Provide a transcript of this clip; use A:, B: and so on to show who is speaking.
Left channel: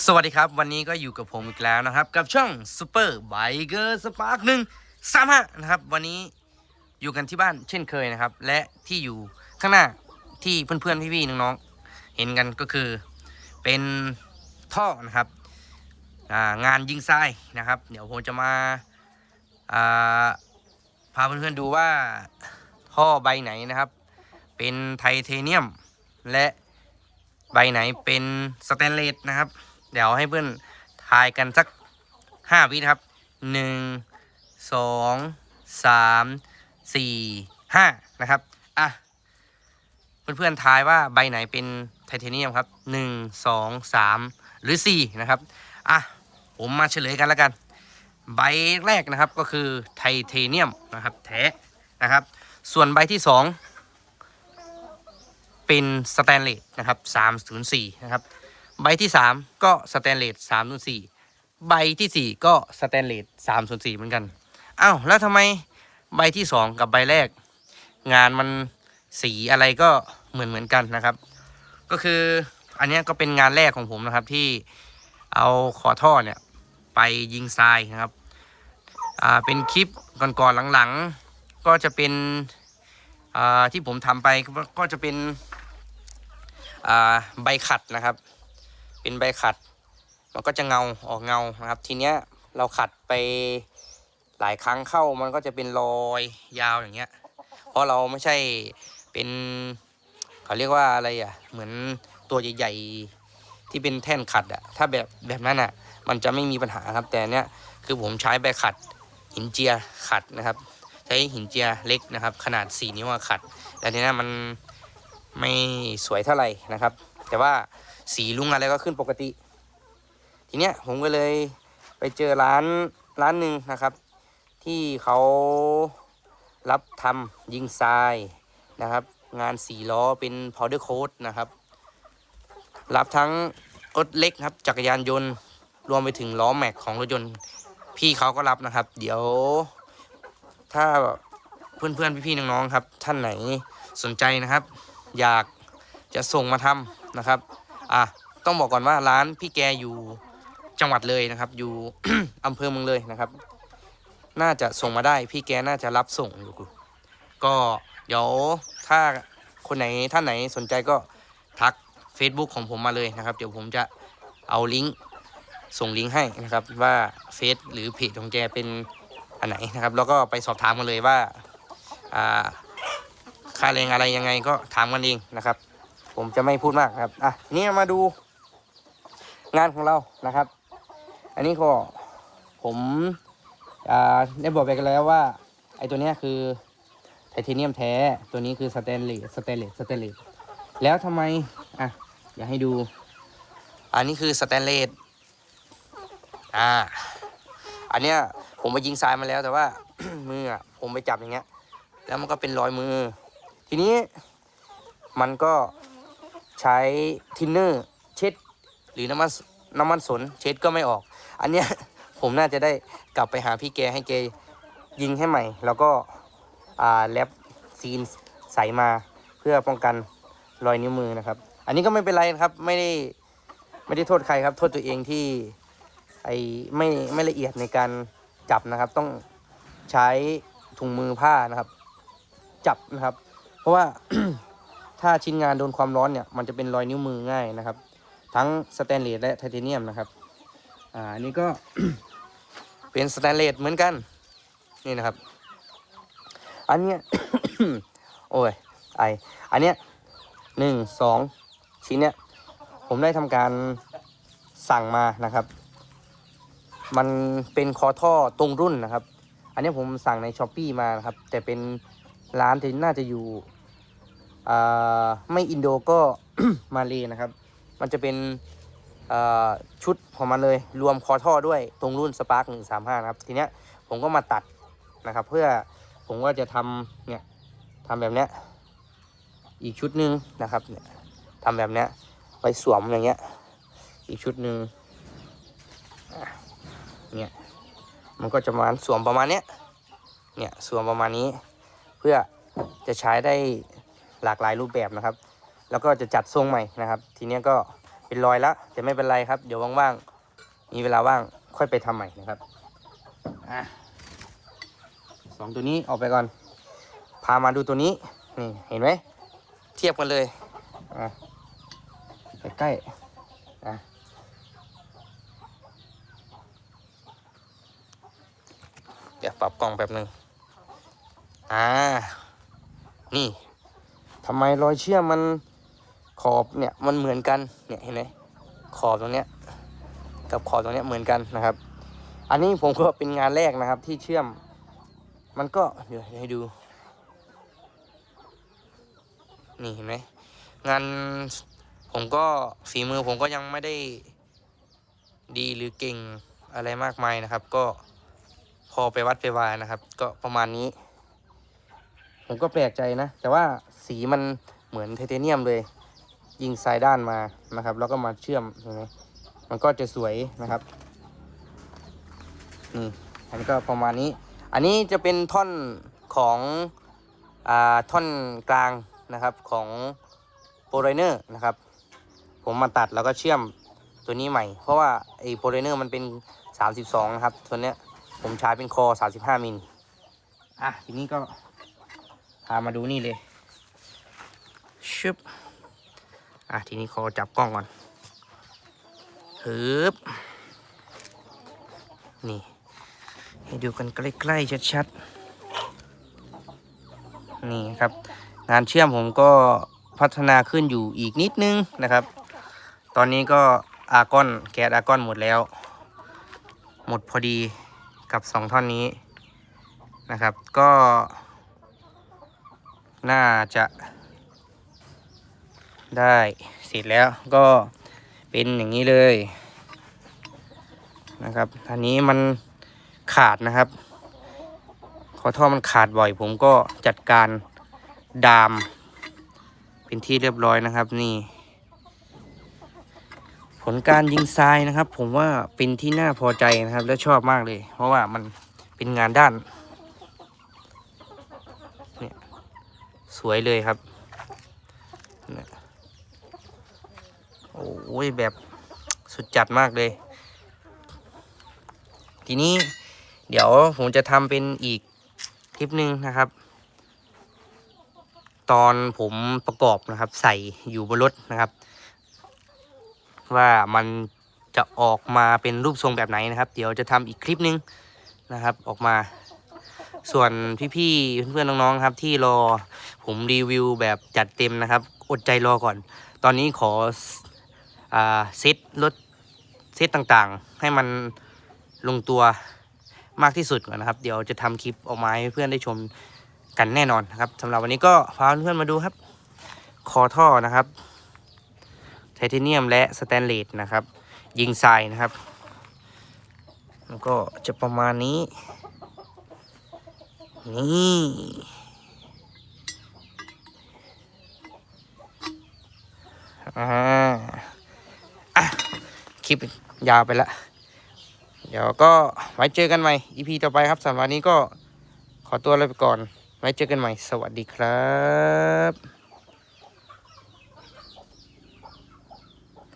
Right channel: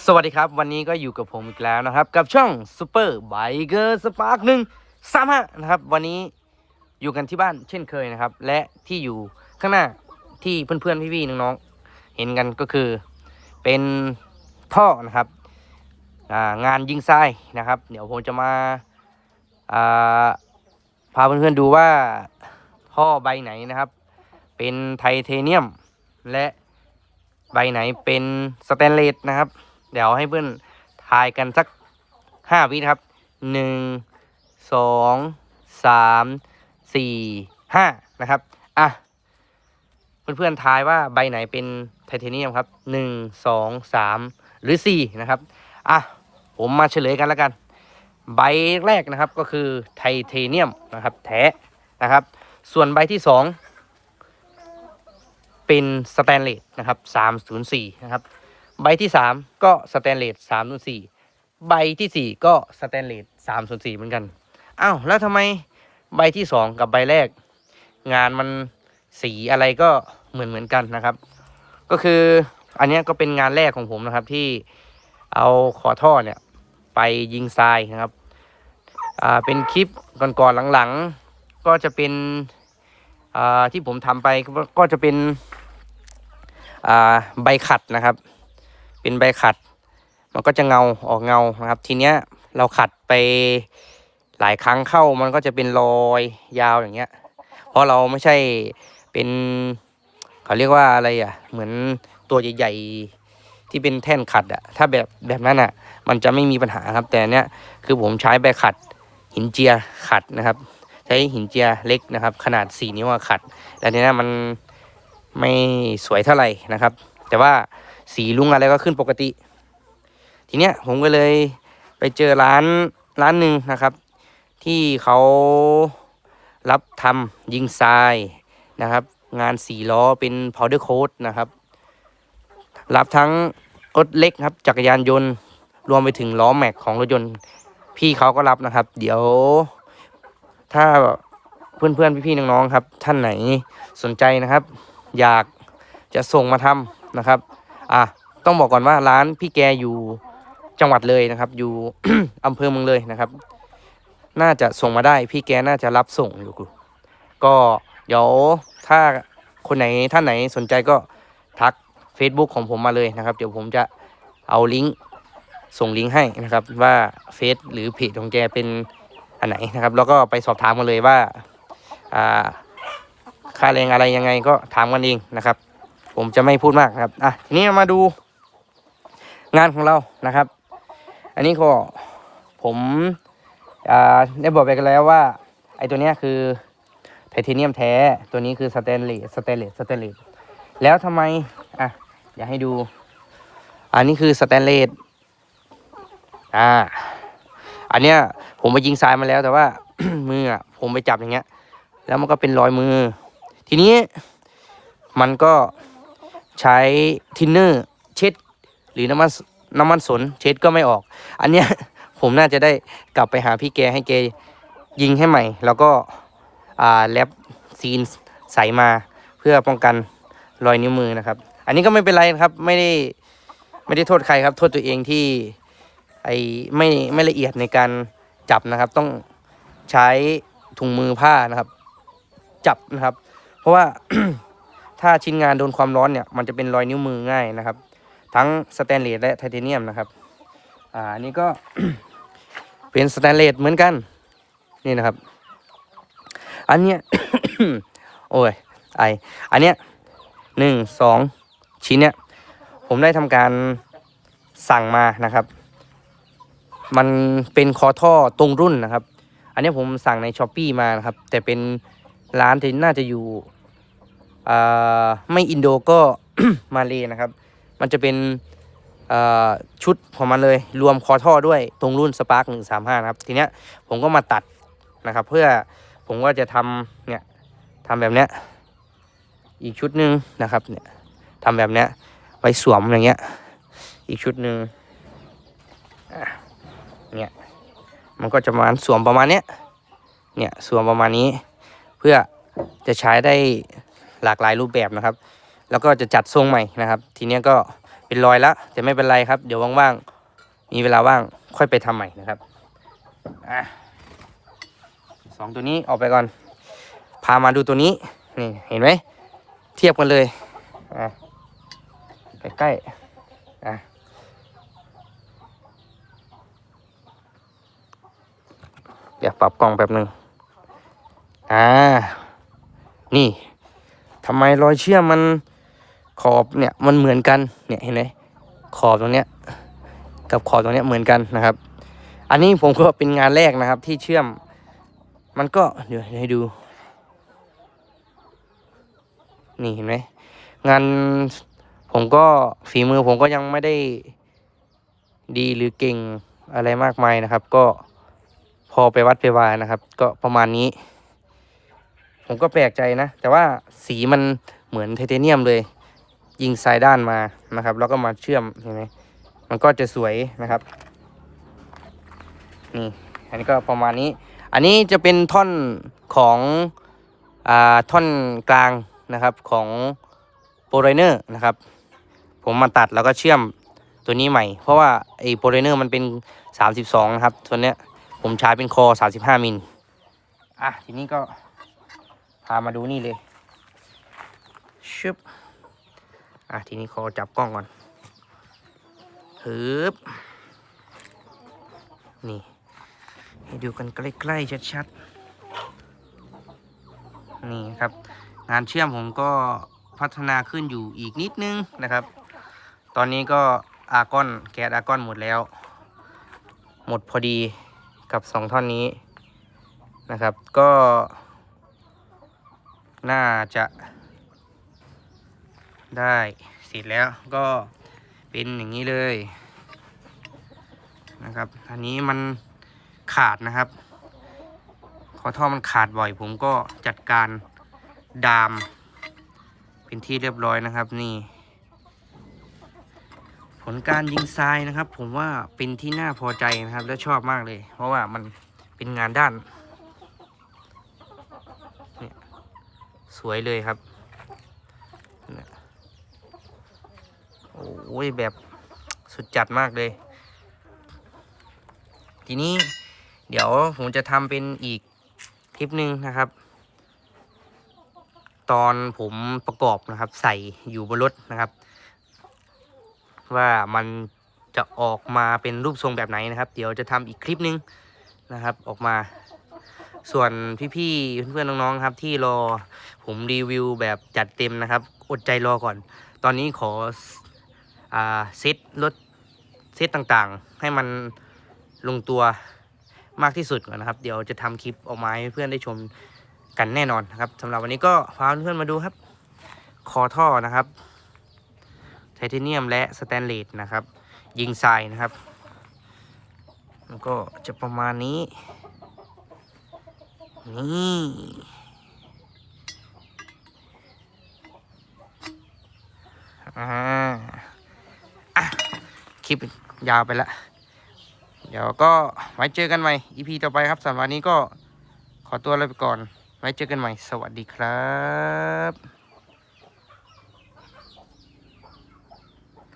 A: สวัสดีครับ วันนี้ก็อยู่กับผมอีกแล้วนะครับ กับช่อง Super Biker Spark หนึ่งสามห้านะครับ วันนี้อยู่กันที่บ้านเช่นเคยนะครับ และที่อยู่ข้างหน้าที่เพื่อนๆพี่ๆน้องๆเห็นกันก็คือเป็นท่อนะครับางานยิงทรายนะครับ เดี๋ยวผมจะมาาพาเพื่อนๆดูว่าท่อใบไหนนะครับ เป็นไทเทเนียมและใบไหนเป็นสแตนเลสนะครับ เดี๋ยวให้เพื่อนทายกันสักห้าวิครับหนึ่งสองสามสี่ห้านะครับอะเพื่อนๆทายว่าใบไหนเป็นไทเทเนียมครับหนึ่งสองสามหรือสี่นะครับอะผมมาเฉลยกันแล้วกัน ใบแรกนะครับก็คือไทเทเนียมนะครับแท้นะครับ ส่วนใบที่สองเป็นสแตนเลสนะครับ304นะครับ ใบที่สามก็สแตนเลสสามส่วนสี่ใบที่สี่ก็สแตนเลสสามส่วนสี่เหมือนกันอ้าวแล้วทำไมใบที่สองกับใบแรก งานมันสีอะไรก็เหมือนเหมือนกันนะครับ ก็คืออันนี้ก็เป็นงานแรกของผมนะครับที่เอาขอท่อเนี่ยไปยิงทรายนะครับอ่าเป็นคลิปก่อนๆหลังๆ ก็จะเป็นอ่าที่ผมทำไปก็จะเป็นอ่าใบขัดนะครับ เป็นใบขัด มันก็จะเงาออกเงานะครับ ทีเนี้ยเราขัดไปหลายครั้งเข้ามันก็จะเป็นรอยยาวอย่างเงี้ย เพราะเราไม่ใช่เป็นเขาเรียกว่าอะไรอะ เหมือนตัวใหญ่ๆที่เป็นแท่นขัดอะ ถ้าแบบแบบนั้นอะ มันจะไม่มีปัญหาครับ แต่เนี้ยคือผมใช้ใบขัดหินเจียขัดนะครับ ใช้หินเจียเล็กนะครับ ขนาด 4 นิ้วขัด แต่เนี้ยมันไม่สวยเท่าไหร่นะครับ แต่ว่า สีลุงอะไรก็ขึ้นปกติ ทีเนี้ยผมก็เลยไปเจอร้านร้านหนึ่งนะครับ ที่เขารับทำยิงทรายนะครับ งานสีล้อเป็น powder coat นะครับ รับทั้งรถเล็กครับ จักรยานยนต์รวมไปถึงล้อแม็กของรถยนต์พี่เขาก็รับนะครับ เดี๋ยว ถ้าเพื่อนๆพี่ๆน้องๆครับ ท่านไหนสนใจนะครับ อยากจะส่งมาทำนะครับ อะต้องบอกก่อนว่าร้านพี่แกอยู่จังหวัดเลยนะครับ อยู่ อำเภอเมืองเลยนะครับ น่าจะส่งมาได้พี่แกน่าจะรับส่งอยู่ก็เดี๋ยวถ้าคนไหนท่านไหนสนใจก็ทัก Facebook ของผมมาเลยนะครับ เดี๋ยวผมจะเอาลิงก์ส่งลิงก์ให้นะครับว่าเฟซหรือเพจของแกเป็นอันไหนนะครับ แล้วก็ไปสอบถามมาเลยว่าอ่าค่าแรงอะไรยังไงก็ถามกันเองนะครับ ผมจะไม่พูดมากครับ อะนี้มาดู งานของเรานะครับ อันนี้ก็ผมอ่าได้บอกไปกันแล้วว่า ไอ้ตัวนี้คือไทเทเนียมแท้ ตัวนี้คือสแตนเลสสแตนเลสสแตนเลสแล้วทำไม อะอยากให้ดู อันนี้คือสแตนเลสอ่า อันเนี้ยผมไปยิงทรายมาแล้วแต่ว่า มืออะผมไปจับอย่างเงี้ย แล้วมันก็เป็นรอยมือ ทีนี้มันก็ ใช้ทินเนอร์เช็ด หรือน้ำมันน้ำมันสนเช็ดก็ไม่ออก อันเนี้ยผมน่าจะได้กลับไปหาพี่แกให้แกยิงให้ใหม่ แล้วก็อ่าแลบซีนใสมาเพื่อป้องกันรอยนิ้วมือนะครับ อันนี้ก็ไม่เป็นไรครับไม่ได้ไม่ได้โทษใครครับ โทษตัวเองที่ไอไม่ไม่ละเอียดในการจับนะครับ ต้องใช้ถุงมือผ้านะครับ จับนะครับ เพราะว่า ถ้าชิ้นงานโดนความร้อนเนี่ยมันจะเป็นรอยนิ้วมือง่ายนะครับ ทั้งสแตนเลสและไทเทเนียมนะครับอ่าอันนี้ก็เป็นสแตนเลสเหมือนกันนี่นะครับ อันเนี้ยโอ้ยไออันเนี้ยหนึ่งสองชิ้นเนี้ยผมได้ทำการสั่งมานะครับ มันเป็นคอท่อตรงรุ่นนะครับ อันเนี้ยผมสั่งในช้อปปีมานะครับ แต่เป็นร้านที่น่าจะอยู่ ไม่อินโดก็มาเลยนะครับ มันจะเป็นชุดของมันเลยรวมคอท่อด้วยตรงรุ่นสปาร์กหนึ่งสามห้านะครับ ทีเนี้ยผมก็มาตัดนะครับ เพื่อผมก็จะทำเนี่ยทำแบบเนี้ยอีกชุดหนึ่งนะครับเนี่ยทำแบบเนี้ยไว้สวมอย่างเงี้ย อีกชุดหนึ่งเนี่ยมันก็จะประมาณสวมประมาณเนี้ยเนี่ยสวมประมาณนี้ เพื่อจะใช้ได้ หลากหลายรูปแบบนะครับ แล้วก็จะจัดทรงใหม่นะครับ ทีนี้ก็เป็นรอยล้วแต่ไม่เป็นไรครับ เดี๋ยวว่างๆมีเวลาว่างค่อยไปทำใหม่นะครับอะสองตัวนี้ออกไปก่อน พามาดูตัวนี้นี่เห็นไหมเทียบกันเลยอะใกล้อะเดี๋ยวปรับกล้องแป๊บหนึ่งอ่า นี่ ทำไมรอยเชื่อมมันขอบเนี่ยมันเหมือนกันเนี่ยเห็นไหมขอบตรงเนี้ยกับขอบตรงเนี้ยเหมือนกันนะครับ อันนี้ผมก็เป็นงานแรกนะครับที่เชื่อม มันก็เดี๋ยวให้ดู นี่เห็นไหมงานผมก็ฝีมือผมก็ยังไม่ได้ดีหรือเก่งอะไรมากมายนะครับ ก็พอไปวัดไปวานะครับ ก็ประมาณนี้ ผมก็แปลกใจนะ แต่ว่าสีมันเหมือนไทเทเนียมเลย ยิงสายด้านมานะครับ แล้วก็มาเชื่อมเห็นไหมมันก็จะสวยนะครับ นี่ อันนี้ก็ประมาณนี้ อันนี้จะเป็นท่อนของอ่าท่อนกลางนะครับของโปรไลเนอร์นะครับ ผมมาตัดแล้วก็เชื่อมตัวนี้ใหม่ เพราะว่าไอ้โปรไลเนอร์มันเป็น 32 นะครับ ตัวเนี้ยผมใช้เป็นคอ 35 มิล อะ ทีนี้ก็ พามาดูนี่เลยชึบอะทีนี้ขอจับกล้องก่อนฮึบนี่ ให้ดูกันใกล้ๆชัดๆ นี่ครับ งานเชื่อมผมก็พัฒนาขึ้นอยู่อีกนิดนึงนะครับ ตอนนี้ก็อากอนแก๊สอากอนหมดแล้ว หมดพอดีกับสองท่อนนี้นะครับ ก็ น่าจะได้เสร็จแล้วก็เป็นอย่างนี้เลยนะครับ อันนี้มันขาดนะครับ ขอท่อมันขาดบ่อย ผมก็จัดการดาม เป็นที่เรียบร้อยนะครับนี่ ผลการยิงทรายนะครับ ผมว่าเป็นที่น่าพอใจนะครับ และชอบมากเลย เพราะว่ามันเป็นงานด้าน วยเลยครับโอ้ยแบบสุดจัดมากเลย ทีนี้เดี๋ยวผมจะทำเป็นอีกคลิปหนึ่งนะครับ ตอนผมประกอบนะครับ ใส่อยู่บนรถนะครับ ว่ามันจะออกมาเป็นรูปทรงแบบไหนนะครับ เดี๋ยวจะทำอีกคลิปหนึ่งนะครับ ออกมา ส่วนพี่ๆเพื่อนๆน้องๆครับ ที่รอผมรีวิวแบบจัดเต็มนะครับ อดใจรอก่อน ตอนนี้ขอเซตรถเซตต่างๆ ให้มันลงตัวมากที่สุดก่อนนะครับ เดี๋ยวจะทำคลิปออกมาให้เพื่อนได้ชมกันแน่นอนนะครับสำหรับวันนี้ก็พาเพื่อนๆมาดูครับ คอท่อนะครับไทเทเนียมและสแตนเลสนะครับ ยิงทรายนะครับมันก็จะประมาณนี้ นี่อ่าอะคลิปยาวไปละ เดี๋ยวก็ไว้เจอกันใหม่ EP ต่อไปครับสำหรับวันนี้ก็ขอตัวลาไปก่อน ไว้เจอกันใหม่ สวัสดีครับ